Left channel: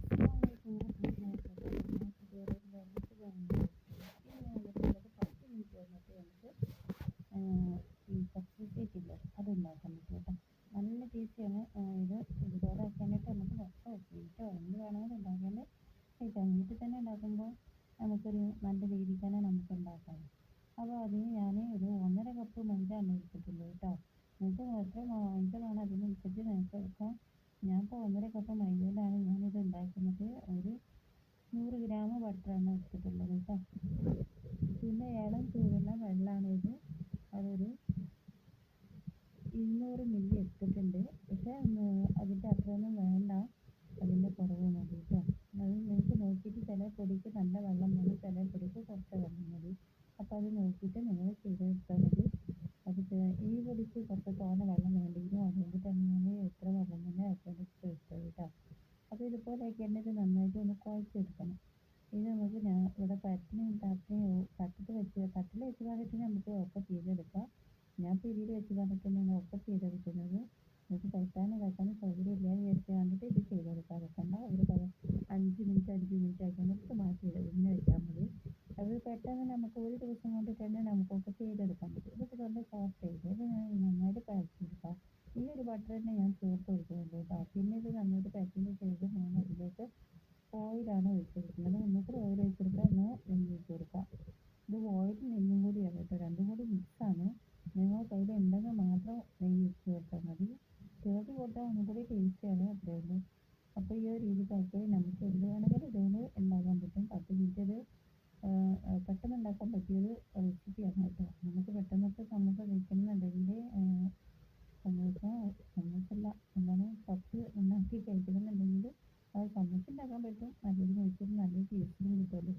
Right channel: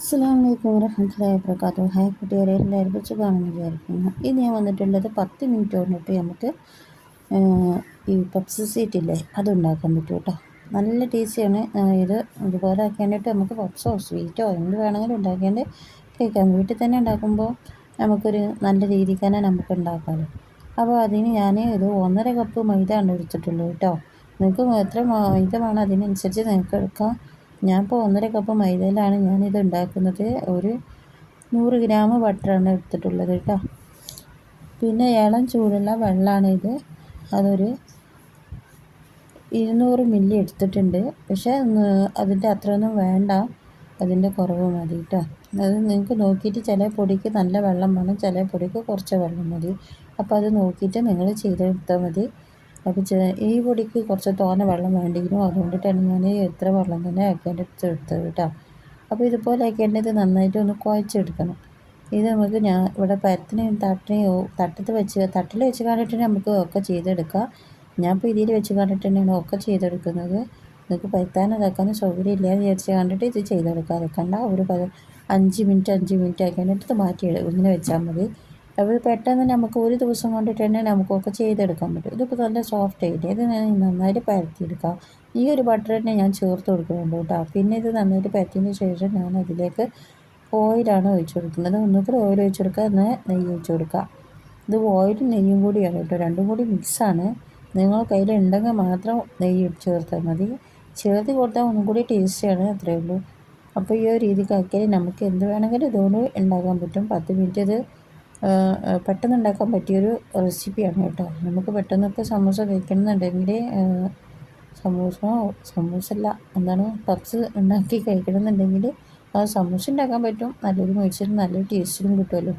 അസ്സലാമു അലൈക്കും വറഹ്മത്തുള്ളാഹി വബറകാതുഹു. ഹായ് കുട്ടികളെ, എല്ലാവരും സുഖമാണെന്ന് വിചാരിക്കുന്നു. ഇത് ഞാൻ വന്നിട്ടുള്ളത് 10 മിനിറ്റ് കൊണ്ടിട്ട് നമുക്ക് ഈ പപ്സ് സീറ്റ് ഇല്ലേ അതുണ്ടാക്കാൻ പറ്റും കേട്ടോ. നല്ല ടേസ്റ്റിയാണ്. ഇതുപോലെ ആക്കിയിട്ട് നമുക്ക് പപ്സോ സ്വീറ്റോ എന്ത് വേണമെങ്കിലും ഉണ്ടാക്കിയാണ്ട് കഴിക്കാം. വീട്ടിൽ തന്നെ ഉണ്ടാക്കുമ്പോൾ നമുക്കൊരു നല്ല രീതിക്ക് തന്നെ നമുക്ക് ഉണ്ടാക്കാമല്ലോ. അപ്പോൾ അതിന് ഞാൻ ഒരു 1.5 കപ്പ് മൈദ ആണ് എടുത്തിട്ടുള്ളൂ കേട്ടോ. നിങ്ങൾക്ക് എത്ര മൈദ വേണം അതിനനുസരിച്ച് നിങ്ങൾക്ക് എടുക്കാം. ഞാനിപ്പോൾ 1.5 കപ്പ് മൈദയിലാണ് ഞാനിത് ഉണ്ടാക്കുന്നത്. ഒരു 100 ഗ്രാം ബട്ടറാണ് എടുത്തിട്ടുള്ളത് കേട്ടോ. പിന്നെ ഇളം ചൂടുള്ള വെള്ളമാണ് ഇത്. അതൊരു 200 മില്ലി എടുത്തിട്ടുണ്ട്. പക്ഷേ അതിൻ്റെ അത്രയൊന്നും വേണ്ട, അതിൻ്റെ കുറവ് മതി കേട്ടോ. അത് നിങ്ങൾക്ക് നോക്കിയിട്ട് ചില പൊടിക്ക് നല്ല വെള്ളം വേണം, ചില പൊടിക്ക് കുറച്ച് വെള്ളം മതി. അപ്പോൾ അത് നോക്കിയിട്ട് നിങ്ങൾ ചെയ്തെടുത്താൽ മതി. അപ്പോൾ ഈ പൊടിക്ക് കുറച്ച് തോനെ വെള്ളം വേണ്ടിയിരുന്നു, അതുകൊണ്ടിട്ടാണ് ഞാൻ എത്ര വെള്ളം തന്നെ ആക്കിയിട്ട് എടുത്തത് കേട്ടോ. അപ്പോൾ ഇതുപോലെ ആക്കിയിട്ട് നന്നായിട്ട് ഒന്ന് കുഴച്ചെടുക്കണം. ഇത് നമുക്ക് ഞാൻ ഇവിടെ പരത്തിനെയും തട്ടിൽ വെച്ച് കണ്ടിട്ട് നമുക്ക് ഒക്കെ ചെയ്തെടുക്കാം. ഞാനിപ്പോൾ ഇതിൽ വെച്ച് കണ്ടിട്ട് തന്നെയാണ് ഒക്കെ ചെയ്തെടുക്കുന്നത്. നിങ്ങൾക്ക് പരത്താനും ഇതാക്കാനും സൗകര്യം ഇല്ല വിചാരിച്ച് കണ്ടിട്ട് ഇത് ചെയ്തെടുക്കാം. അതൊക്കണ്ട ഒരു 5 മിനിറ്റ് ആക്കിയിട്ട് ഇത് മാറ്റി ഇങ്ങനെ വെച്ചാൽ മതി. അപ്പോൾ പെട്ടെന്ന് നമുക്ക് ഒരു ദിവസം കൊണ്ടിട്ട് തന്നെ നമുക്കൊക്കെ ചെയ്തെടുക്കാൻ പറ്റും. ഇതിപ്പോൾ നല്ല സോഫ്റ്റ് ആയിട്ട് ഇത് നന്നായിട്ട് പരത്തിയെടുക്കാം. ഈ ഒരു ബട്ടർ തന്നെ ഞാൻ ചേർത്ത് കൊടുക്കുന്നുണ്ട് കേട്ടോ. പിന്നെ ഇത് നന്നായിട്ട് പരത്തിയതിന് ശേഷം ഞാൻ അതിലേക്ക് ഓയിലാണ് ഒഴിച്ചു കൊടുക്കുന്നത്. ഒന്നുകിൽ ഓയിൽ ഒഴിച്ചു കൊടുക്കുക, എന്നാൽ നെയ്യ് ഒഴിച്ചു കൊടുക്കുക. ഇത് ഓയിലും നെയ്യും കൂടിയാണ് കേട്ടോ, രണ്ടും കൂടി മിക്സാണ്. നിങ്ങൾ കയ്യിൽ ഉണ്ടെങ്കിൽ മാത്രം നെയ്യ് ചേർത്താൽ മതി. ചേർത്ത് കൊടുത്താൽ ഒന്നും കൂടി ടേസ്റ്റിയാണ്, അത്രയേ ഉള്ളൂ. അപ്പോൾ ഈ ഒരു രീതിക്ക് ആക്കിയാൽ നമുക്ക് എന്ത് വേണമെങ്കിലും ഇതുകൊണ്ട് ഉണ്ടാക്കാൻ പറ്റും. 10 മിനിറ്റ് ഇത് പെട്ടെന്ന് ഉണ്ടാക്കാൻ പറ്റിയൊരു റെസിപ്പിയാണ് കേട്ടോ. നമുക്ക് പെട്ടെന്നൊക്കെ സമൂസ കഴിക്കണമെന്നുണ്ടെങ്കിൽ സമൂസല്ല എന്താണ് പപ്സ് ഉണ്ടാക്കി കഴിക്കണമെന്നുണ്ടെങ്കിൽ ആ സമൂസ ഉണ്ടാക്കാൻ പറ്റും. നല്ലൊരു മൊരിച്ചിലും നല്ലൊരു ടേസ്റ്റിലും കിട്ടുമല്ലോ.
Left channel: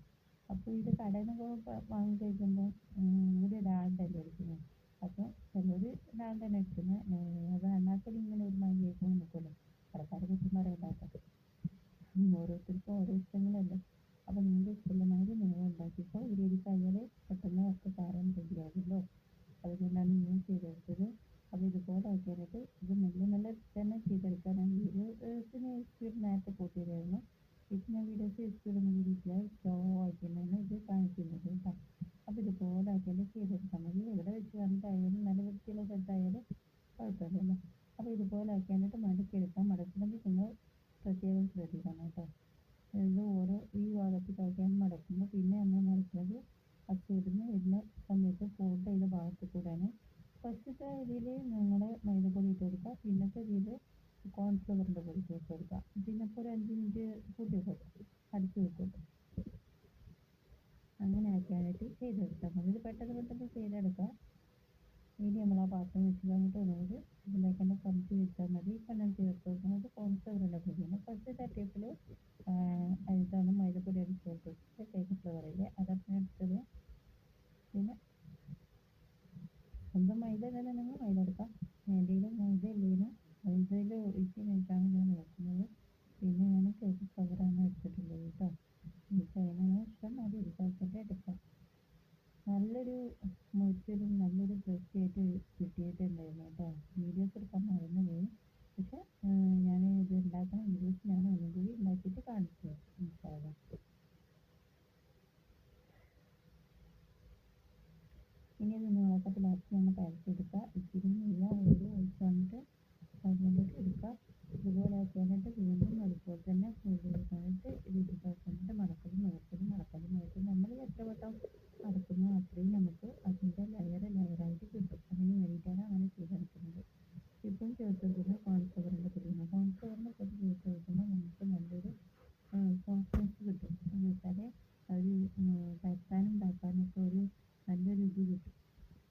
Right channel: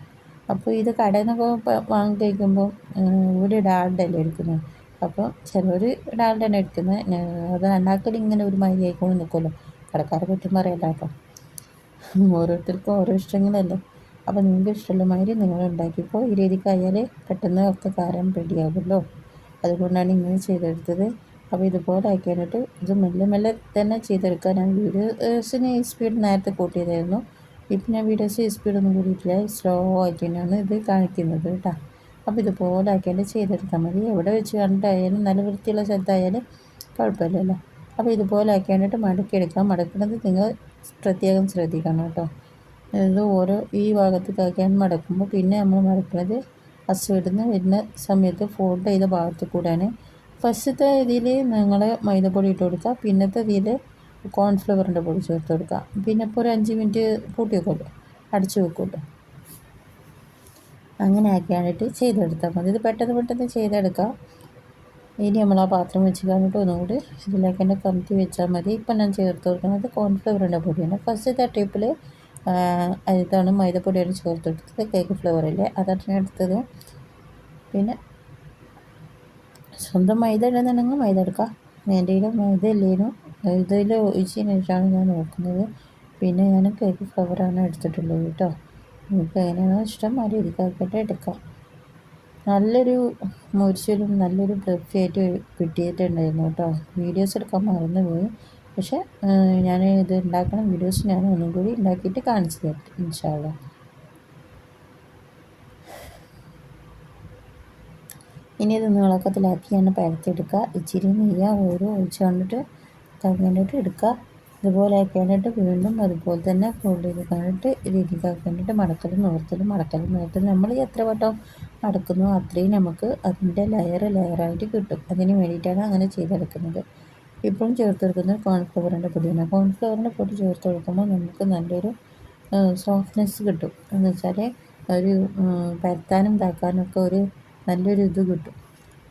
അപ്പോൾ ഇത് കടയിൽ നിന്നൊക്കെ വാങ്ങി കഴിക്കുമ്പോൾ ഒരു ഡാൽഡല്ലേ എടുക്കുന്നത്. അപ്പോൾ ചിലർ ഡാൽഡ തന്നെ എടുക്കുന്നത്. അത് ഉണ്ടാക്കൽ ഇങ്ങനെ ഒരു മൈദ ആയിക്കൊണ്ട് നിൽക്കുമല്ലോ. കടക്കാരെ കുറ്റം പറയല്ല കേട്ടോ, ഓരോരുത്തർക്കും ഓരോ ഇഷ്ടങ്ങളല്ലേ. അപ്പോൾ നിങ്ങൾക്ക് ഇഷ്ടമുള്ള മാതിരി നിങ്ങൾ ഉണ്ടാക്കിയപ്പോൾ ഈ രീതിക്കായാൽ പെട്ടെന്ന് ഒക്കെ കാരം റെഡിയാകുമല്ലോ. അതുകൊണ്ടാണ് ഇങ്ങനെ ചെയ്തെടുത്തത്. അപ്പോൾ ഇതുപോലെ ആക്കിയിട്ട് ഇത് മെല്ലെ തന്നെ ചെയ്തെടുക്കാൻ ഞാൻ വീഡിയോസിന് സ്പീഡ് നേരത്തെ കൂട്ടിയതായിരുന്നു. ഇപ്പം ഞാൻ വീഡിയോസ് സ്പീഡൊന്നും കൂടിയിട്ടില്ല, സ്ലോ ആയിട്ട് തന്നെയാണ് ഇത് കാണിക്കുന്നത് കേട്ടോ. അപ്പോൾ ഇതുപോലെ ആക്കിയിട്ട് ചെയ്തെടുത്താൽ മതി. എവിടെ വെച്ച് കണ്ടിട്ടായാലും നല്ല വൃത്തിയുള്ള സ്ഥലത്തായാലും കുഴപ്പമില്ലല്ലോ. അപ്പോൾ ഇതുപോലെ ആക്കിയിട്ട് മടക്കിയെടുക്കാം. മടക്കുന്നത് നിങ്ങൾ പ്രത്യേകം ശ്രദ്ധിക്കണം കേട്ടോ. ഇത് ഓരോ ഈ ഭാഗത്തേക്കാക്കിയാണ് മടക്കുമ്പോൾ പിന്നെ നമ്മൾ മടക്കുന്നത് അസുവിടുന്ന് വരുന്ന സമയത്ത് ഫോൾഡ് ചെയ്ത ഭാഗത്ത് കൂടെയാണ്. ഫസ്റ്റത്തെ ഇതിൽ നിങ്ങൾ മൈദപ്പൊടി ഇട്ട് കൊടുക്കുക, പിന്നത്തെ ഇതിൽ കോൺഫ്ലവറിൻ്റെ പൊടി ചേർത്ത് കൊടുക്കുക. പിന്നെ ഇപ്പോൾ ഒരു 5 മിനിറ്റ് കൂട്ടി വെക്കുമല്ലോ, അടച്ചു വെക്കുമല്ലോ. അങ്ങനെ ആക്കിയാണിട്ട് ചെയ്തെടുത്താൽ മതി. ഇത് പെട്ടെന്ന് ചെയ്തെടുക്കാം. ഇനി നമ്മൾ ആ പാത്രം വെച്ച് കഴിഞ്ഞിട്ട് ഒന്നുകൂടി ഇതിലേക്ക് തന്നെ കമത്തി വെച്ചാൽ മതി. ഇപ്പം ഞാൻ ചേർത്ത് കൊടുക്കുന്നത് കോൺഫ്ലവറിൻ്റെ പൊടിയാണ്. ഫസ്റ്റത്തെ ട്രിപ്പിൽ ഇതാണ് മൈദപ്പൊടിയാണ് ചേർത്ത് എടുത്തത്. കേക്ക് ഫ്ലേവറില്ലേ അതാണ് എടുത്തത്. പിന്നെ സ്വന്തം മൈദ ഉണ്ടെന്നുണ്ടെങ്കിൽ മൈദ എടുക്കാം. എൻ്റെ കയ്യിൽ മൈദ ഇല്ലേനും ഇതിൽ ഒഴിച്ചതിന് ശേഷമാണ് ഞാൻ നോക്കുന്നത്. പിന്നെ ഞാൻ കേക്ക് ഫ്ലേവറാണ് എടുത്തിട്ടുള്ളത് കേട്ടോ. നിങ്ങൾക്ക് എങ്ങനെയാണോ ഇഷ്ടം ആ രീതിക്കാക്കിയിട്ട് എടുക്കാം. നല്ലൊരു മൊരിച്ചിലും നല്ലൊരു ആയിട്ട് കിട്ടിയിട്ടുണ്ടായിരുന്നു കേട്ടോ. വീഡിയോസ് എടുക്കാൻ മറന്നുപോയി. പക്ഷേ ഞാൻ ഇത് ഉണ്ടാക്കുന്ന വീഡിയോസ് ഞാൻ ഒന്നും കൂടി ഉണ്ടാക്കിയിട്ട് കാണിച്ചു തരാം ഇൻഷാ അല്ലാഹ്. ഇനി ഇത് നീളക്കത്തിലാക്കിയാണ് പരത്തിയെടുക്കുക. ഇച്ചിരി നെയ്യ് ഓരോ ഒഴിച്ച് കണ്ടിട്ട് കണ്ടിട്ട് എടുക്കുക. ഇതുപോലെ ആക്കിയിട്ട് വീണ്ടും അതുപോലെ തന്നെ ഫോൾഡ് ചെയ്ത് കണ്ടിട്ട് രീതിക്കാക്കിയിട്ട് മടക്കലും നിവർത്തലും നമ്മൾ എത്ര വട്ടം മടക്കുന്നു അത്രയും നമുക്ക് അതിൻ്റെ ലെയറായിട്ട് കിട്ടും. അതിന് വേണ്ടിയിട്ടാണ് അങ്ങനെ ചെയ്തെടുക്കുന്നത്. ഇപ്പോഴും ചേർത്തെടുക്കുന്നത് കോൺഫ്ലവറിൻ്റെ പൊടിയാണ്. കോൺഫ്ലവറിൻ്റെ പൊടി ചേർത്ത് കൊടുക്കുമ്പോൾ നമുക്ക് നല്ലൊരു സോഫ്റ്റ്നെസ് കിട്ടും. എന്ന് വെച്ചാൽ ഒരു പരത്താനും ഇതാക്കാനും ഒക്കെ ഒരു നല്ലൊരു ഇത് കിട്ടും,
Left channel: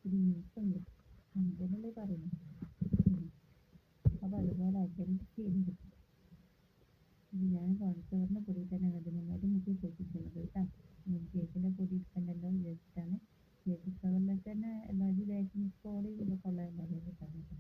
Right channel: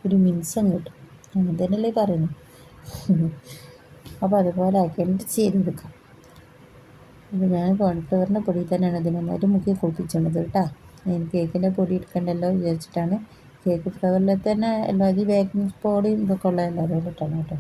ഒരു മിനുസം കിട്ടും. അങ്ങനെ തന്നെയല്ലേ പറയുന്നത്. അപ്പോൾ അതുപോലെ ആക്കിയിട്ട് ചെയ്തെടുക്കാം. അപ്പോൾ ഞാൻ കോൺഫ്ലവറിൻ്റെ പൊടി തന്നെയാണ് ഇതിന് നന്നായിട്ട് മുക്കി കുളിപ്പിച്ചത് കേട്ടോ. എനിക്ക് കേക്കിൻ്റെ പൊടി എടുക്കണ്ടല്ലോ വിചാരിച്ചിട്ടാണ്. കേക്ക് ഫ്ലേവറിൽ തന്നെ എല്ലാവരും ബേക്കിംഗ് പൊടിയും ഇതൊക്കെ ഉള്ള എല്ലാവരും ഇട്ടാണ് കേട്ടോ.